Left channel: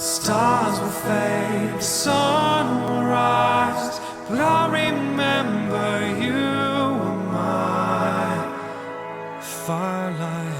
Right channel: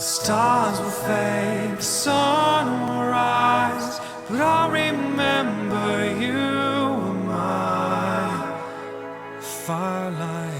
Stars will fade, the sun will rise, but I'll remember you were my firelight.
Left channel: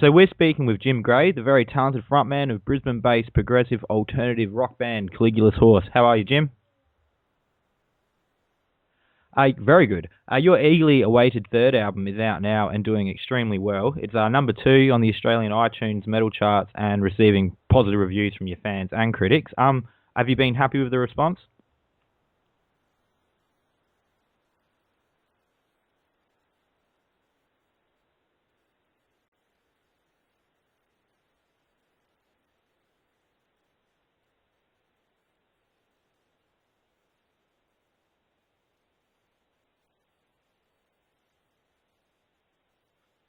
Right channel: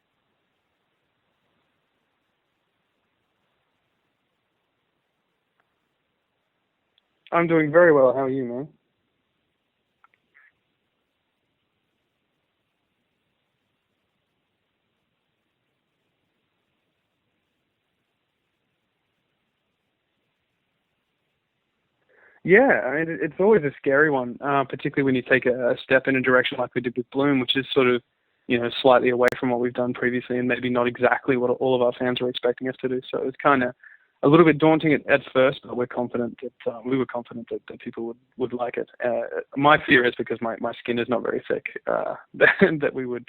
So we're speaking with Jim Gray, the very talented frontman of Brisbane-based progressive alternative rock band Caligulas Horse. How are you, Jim? I'm doing very well. How are you, man? Very good. Your eagerly awaited third album is out now and doing extremely well. It's number 2 on the Australian iTunes metal charts and receiving positive reviews from your fans and critics. Have you been happy with the response? Yeah, I mean, it's always a scary one, particularly when you take a step in a direction like we did with Bloom, which is sort of, slightly away from what we've done previously and maybe not exactly what all of our fans were expecting us to do. So it's kind of a little bit daunting at first, but we're confident that we were confident that people would like it. My fear is because my skin is not very thick, that we would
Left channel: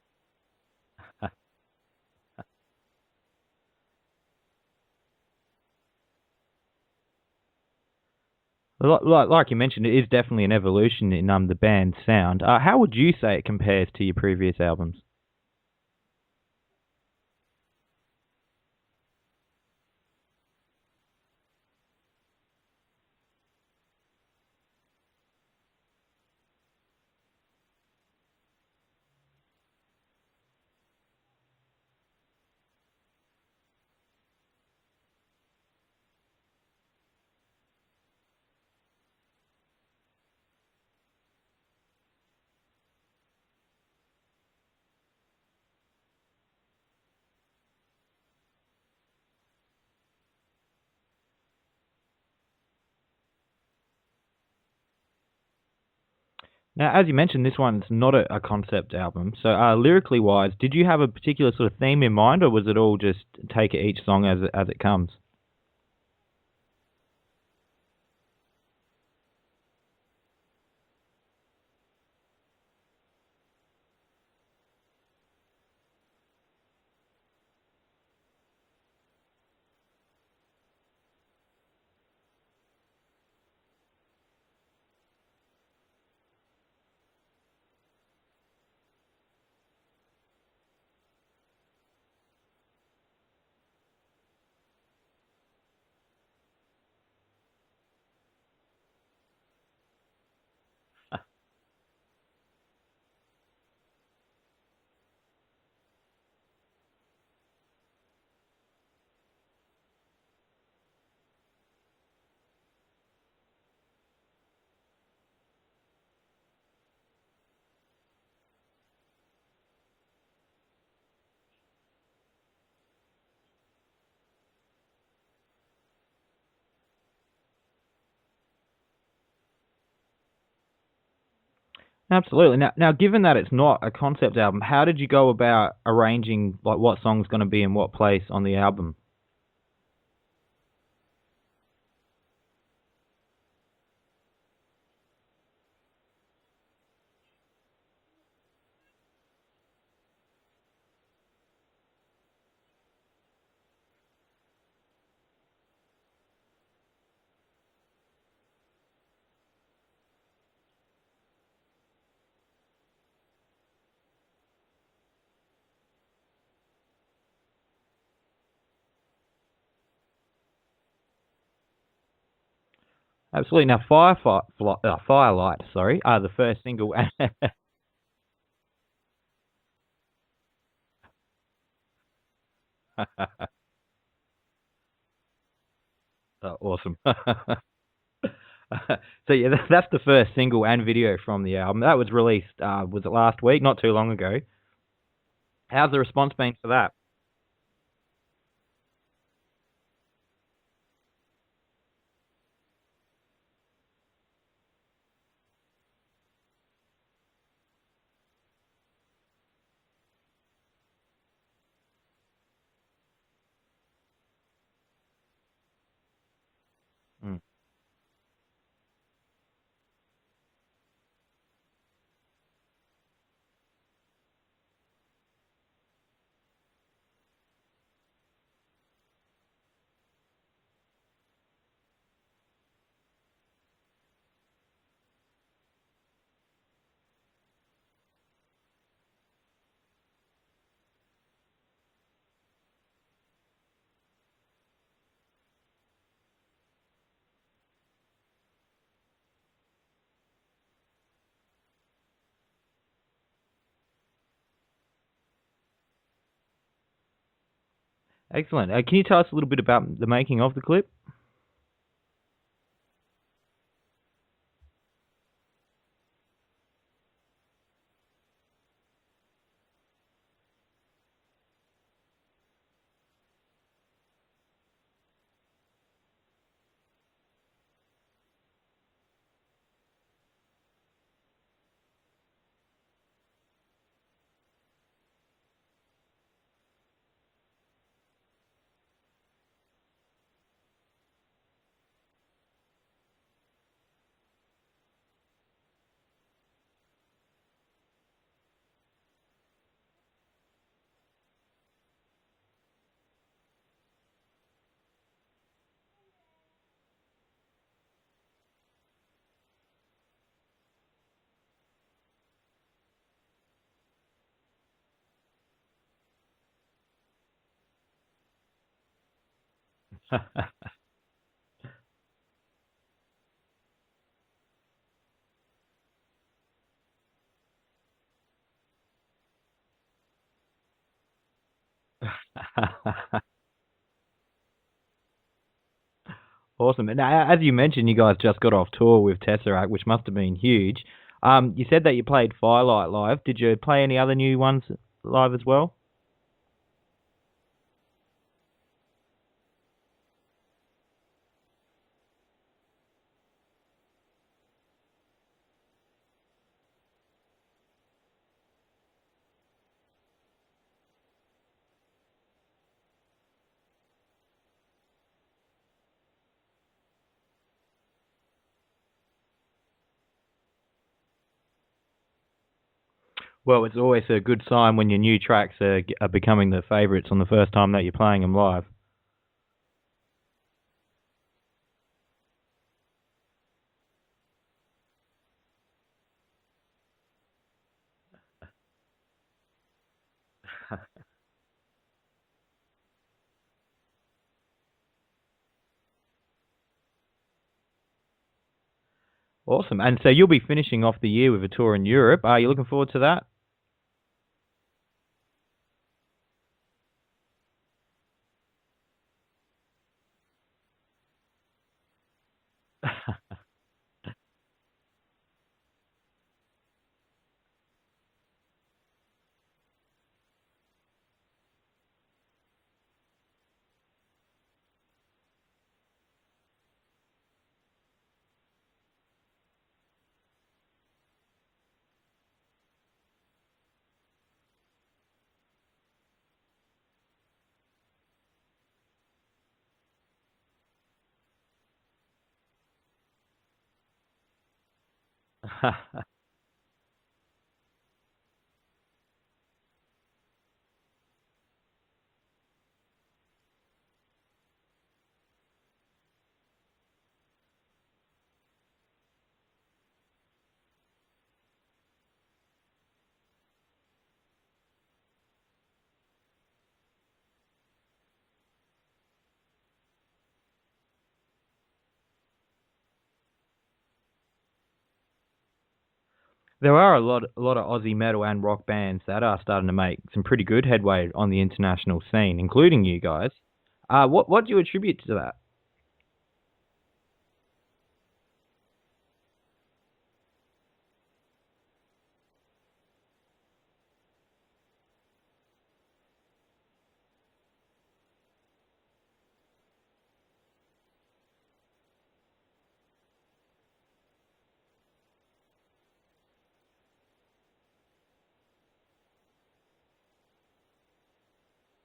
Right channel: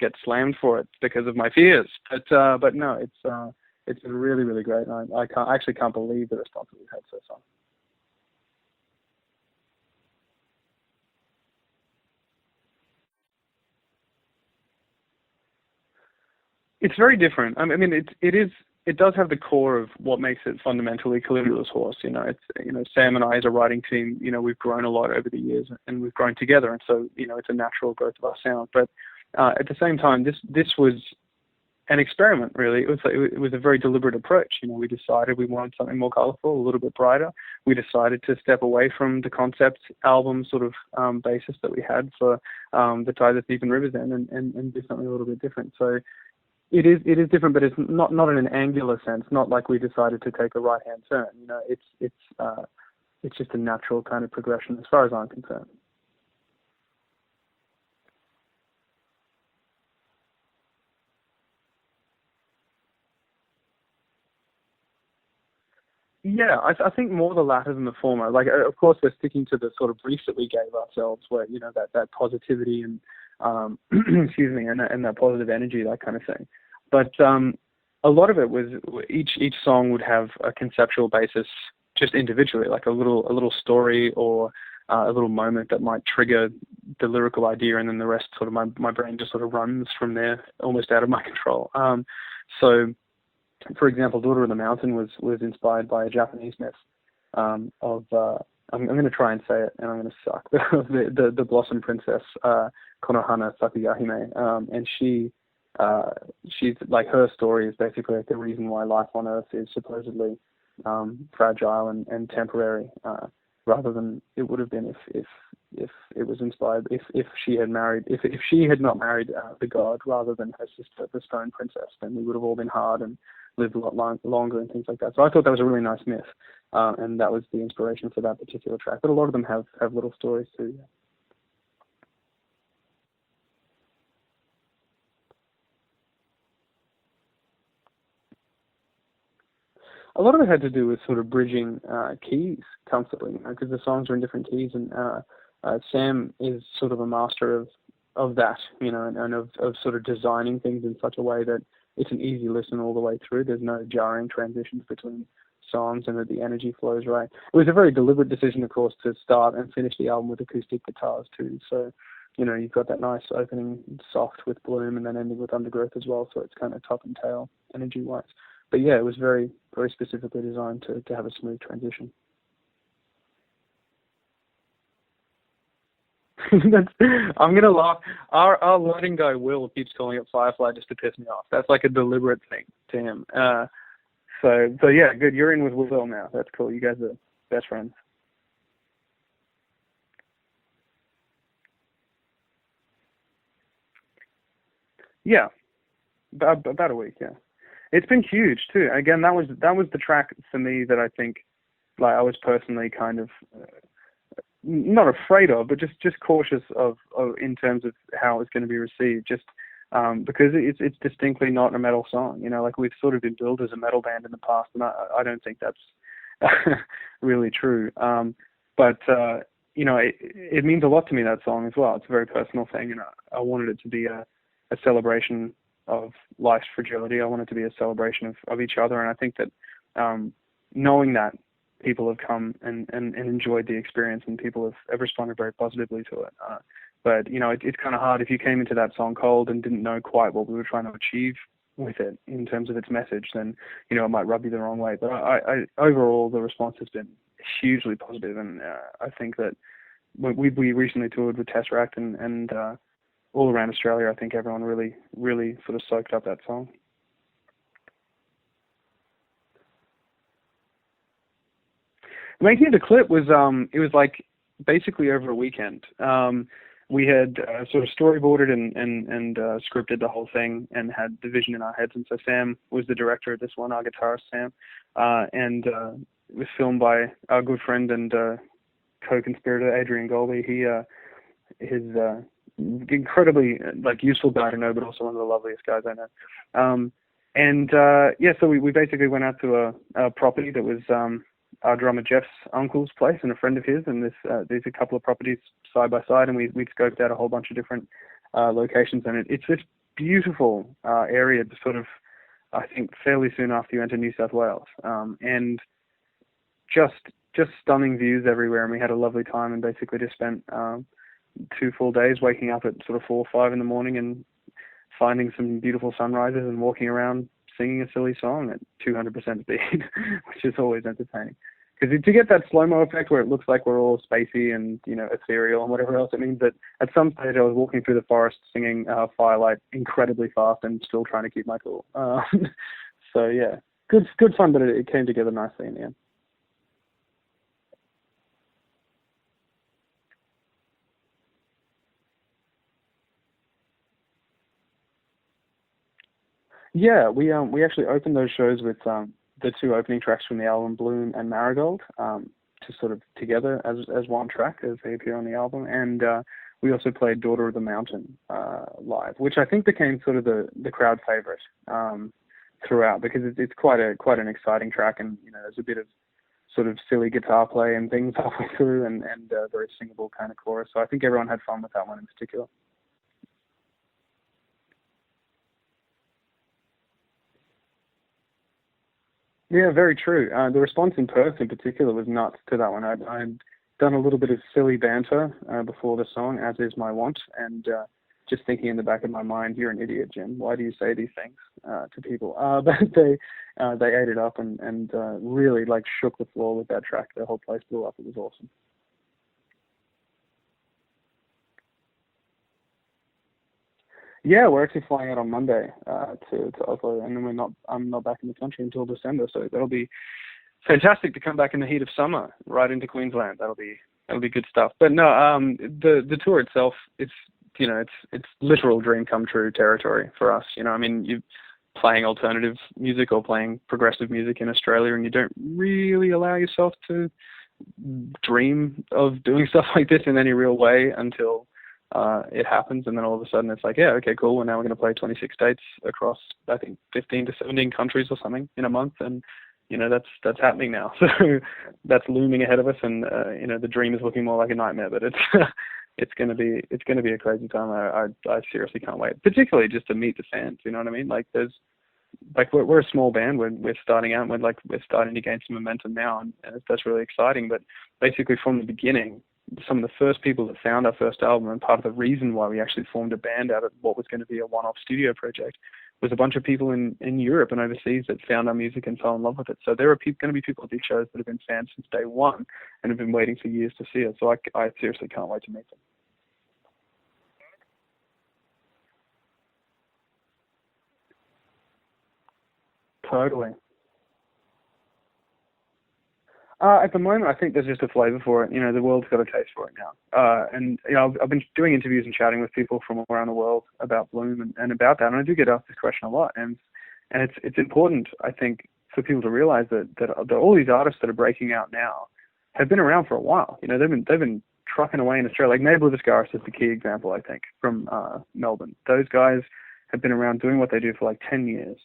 get slammed for it because of my fears. But no, it's been really, really great. And I actually can't believe the response that we've had so far. Like you mentioned, it is definitely an evolution in the band's sound. How would you say it compares to your previous albums? It's very different. I mean, it does have the core of what makes it fundamentally Caligulas Horse. It's Sam and I as a writing team. We've grown a lot over the years, and we've grown together, and so it's a natural growth of our sound. But at the same time, this was an experiment, really. It was a very deliberate approach. We decided we wanted something more colorful, a little bit brighter. We decided to step away from the concept album sort of basis that we had for the Tide, the Thief and Rivers End and do something a little bit different. So it is different, but it's not in an angular sense. Not like we decided to take a right hand turn. It's just a natural kind of progression as far as I'm concerned. Now, as you mentioned, this one's not a concept album. So, lyrically wise, did you have a particular sort of theme in mind, or was it all just take each song as it comes? Yeah, I think more the latter than the former. Like, of course, we're sticking to the sort of brief that we gave ourselves, where that positivity and excuse me, and that positive energy, that kind of thing. But a lot of it was each song would have a conceptual basis, just individually, like a little story or a little moment that might trigger the lyrical idea, and then the rest sort of my brain just sort of runs from there, almost out of my control. So, for example, Daughter of the Mountain was inspired by a Japanese myth I'm going to try and say it, and I'm going to suck. the Blossom Princess, Konohana Sakugahime, and she's like, her story is basically like the reason why life on Earth is supposedly fragile and temporary. Rather than it would have been if it was inspired, if she had not married the god rather than her sister, the Stone Princess, then we would have all been hard and lived a lot longer and things like that. So I thought that was a really nice myth, and that was the inspiration for that particular track. But a lot of them have little stories too. Yeah. Absolutely. Now, given that it's not a concept album, how did you go about arranging like what song's going to be in what place on the album? A lot of it had to do with sort of bridging keys comfortably, because the songs are in different keys, and Sam is sort of a master of that, and of sort of designing things in such a way that it's an easy listen all the way through. There's no jarring transitions between songs, and that the energy flows right. It was a very deliberate decision, of course, to start and finish the album with acoustic guitars too. So, you've got that nice opening soft with Bloom and then ending with Undergrowth as well. So it's kind of top and tail energy-wise. But yeah, it was very, very specifically designed to have a smooth transition. Absolutely. Now, Firelight, the first single. I'm going to laugh. Our lighting guy, Will, keeps calling it Firefly just to piss me off. That's like a deliberate thing to him. So yeah, good. You're in with Will now. That's cool. Awesome. You guys are best friends. So yeah, that's the first single and video from the album. That was released, was it last week? Not too long ago. Yeah. How's the response been for that? About a week, yeah. It's been huge too. Again, that was the track for me that I think, like, I was personally kind of not afraid of, but just cautious of in terms of how it's going to be received. Just because it's distinctly not a metal song. Like, we've sort of been billed as a metal band in the past, and I don't think that's really true. But it means a lot to me, that song as well. It's a very personal thing, and I wanted it to be a celebration of life's fragility. I want it to be a celebration of each other, and I think that knowing that people have come and enjoyed the experience, and people have responded very positively to it. But it's kind of hard if you came into that song cold and didn't know quite what we were trying to achieve with it in terms of its message, then it might rub you the wrong way. But I overall, the response has been hugely positive, and I think that we recently toured with TesseracT and all around Australia. I think everyone really sort of soaked up that song. Excellent. Can you tell us a little bit about the making of the clip? The making of the clip was it was like basically over a weekend. We had sort of storyboarded and scripted the whole thing and had the vision in our heads. And so Sam was the director of this one, our guitarist Sam, and it was filmed by our good friend and co-conspirator Adrian Golby. He's incredibly useful guy to know, but also one of the loveliest guys I know. So we basically went out to a property that was our drummer Jeff's uncle's place and a friend of his, and there's a couple of properties side by side, and we scoped out a whole bunch of different locations, and it's this beautiful area, sort of, I think, fairly soon after you enter New South Wales, and just stunning views everywhere, and we had a lovely time, and basically just spent 2 full days waking up at sort of 4 or 5 in the morning and finding some beautiful sunrises and walking around singing a silly song at 200% speed, which is always entertaining. Because to get that slow-mo effect where it looks like we're all spacey and, ethereal and whatever else, it means that at some stage I was walking through the forest singing Firelight incredibly fast and still trying to keep my cool. So, yeah, good fun, but it came together nicely in the end. Awesome. And as you mentioned, you guys just got off tour with TesseracT, which must have been huge. You said that you played Firelight live. Did you play any other new ones live as well? Yeah, we actually opened those shows with the 2 opening tracks from the album, Bloom and Marigold, to sort of together as one track as they appear on the album. And we also played Daughter of the Mountain live, which I think became sort of the crowd favorite throughout, because it's quite an exciting track, and there's a bit of sort of silly guitar play and things halfway through, and very singable kind of chorus. So I think everyone had fun with that one in particular. Well, it's always a good sign when your new tracks are becoming the favourites on the first time that you're playing them live. Yeah, very true. The response in Perth in particular was nuts to that one. I'd done a little bit of silly banter before the song, as is my wont, and just thinking in the back of my mind, you're an idiot, Jim. Why do you say these things to people? But they ate it up and really shook the floor with that track. The whole place blew up. It was awesome. Awesome. And so you'll be finishing off the year with a tour in Europe. Are you looking forward to that? Yeah, we're actually flying out on Monday to Oslo, and then I'm not back in the country until December, so that'll be fantastic to come back in the heat of summer right into Queensland. That'll be good stuff. But no, the tour itself, it's literal dream come true territory for us. You're playing alternative music or playing progressive music in Australia, and you don't really allow yourself to dream of doing stuff like this in any real way until it happens, and then all of a sudden it's like, yeah, okay, cool, well, now we're going to play 26 dates across, I think, 15 to 17 countries or something in a month, and that's happening now. So that's looming ahead of us, and the dream is looking more like a nightmare, but it's going to be a crazy time. I seriously can't wait, particularly just to meet the fans. You know what I mean? We're a small band. We're starting out. We're starting to gain some momentum now, and that's really exciting. But basically, from the beginning, some of the first people that found our first album, and part of the reason why we actually formed a band out of what was going to be a one-off studio project, was a bunch of people in Europe and overseas that found our music and fell in love with it. So there are going to be people at these shows that have been fans since day one and have been waiting for years to see us. So I seriously can't wait to meet them. There are a lot of Aussie metal and rock bands that are starting to make some pretty good headway on the international scene, including you guys. Totally. What do you attribute to that? At the moment, I think there's just a flavour for it. The world's got a taste for it now. And I've been doing interviews and chatting with people from all around the world about Bloom and about that. And I do get asked this question a lot. And it's important, I think, for people to realise that all these artists that are breaking out now have been around for a while. They've been trucking away in Australia. Like Neighbour the Scarist is the key example, I think, from Melbourne. Those guys have been around doing what they do for 10 years.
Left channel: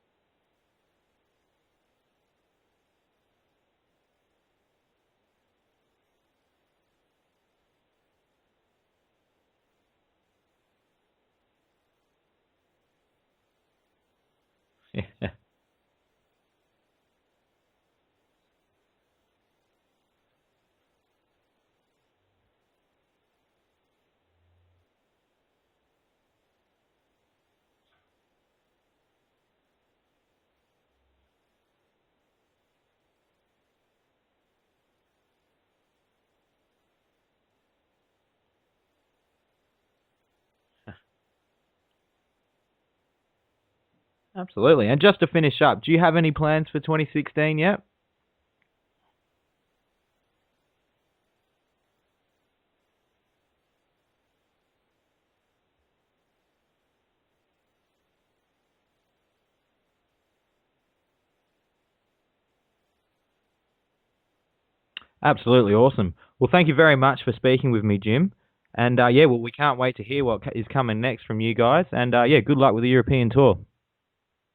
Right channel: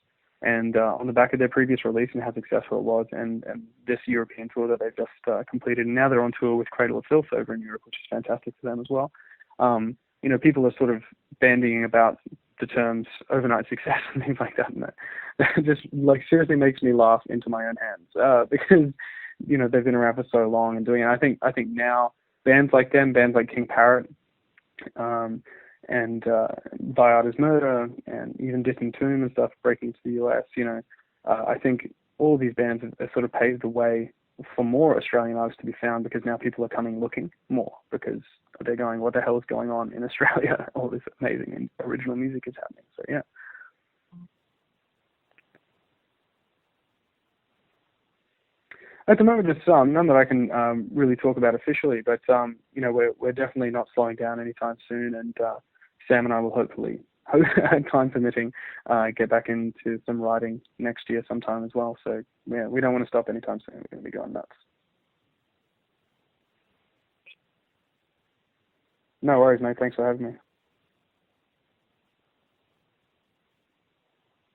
And on the back of their previous release and how successful it was, and this European tour that they've just completed, and now they're on tour with Cradle of Filth over in Europe, which is fantastic for them as well. People are sort of bandying about the terms overnight success and things like that, and that just seriously makes me laugh into my own hands because they've been around for so long and doing it. I think now bands like them, bands like King Parrot, and Viada's Murder, and even Distant Tomb and stuff breaking to the US, I think all of these bands have sort of paved the way for more Australian artists to be found, because now people are coming looking more, because they're going, what the hell is going on in Australia? All this amazing and original music is happening. So yeah. Absolutely. And just to finish up, do you have any plans for 2016 yet? At the moment, just none that I can really talk about officially, but we're definitely not slowing down anytime soon, and Sam and I will hopefully, time permitting, get back into some writing next year sometime as well. So yeah, we don't want to stop anytime soon. We're going to be going nuts. Absolutely awesome. Well, thank you very much for speaking with me, Jim. And we can't wait to hear what is coming next from you guys. And good luck with the European tour.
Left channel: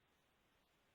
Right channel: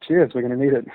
Cheers. We're going to need it.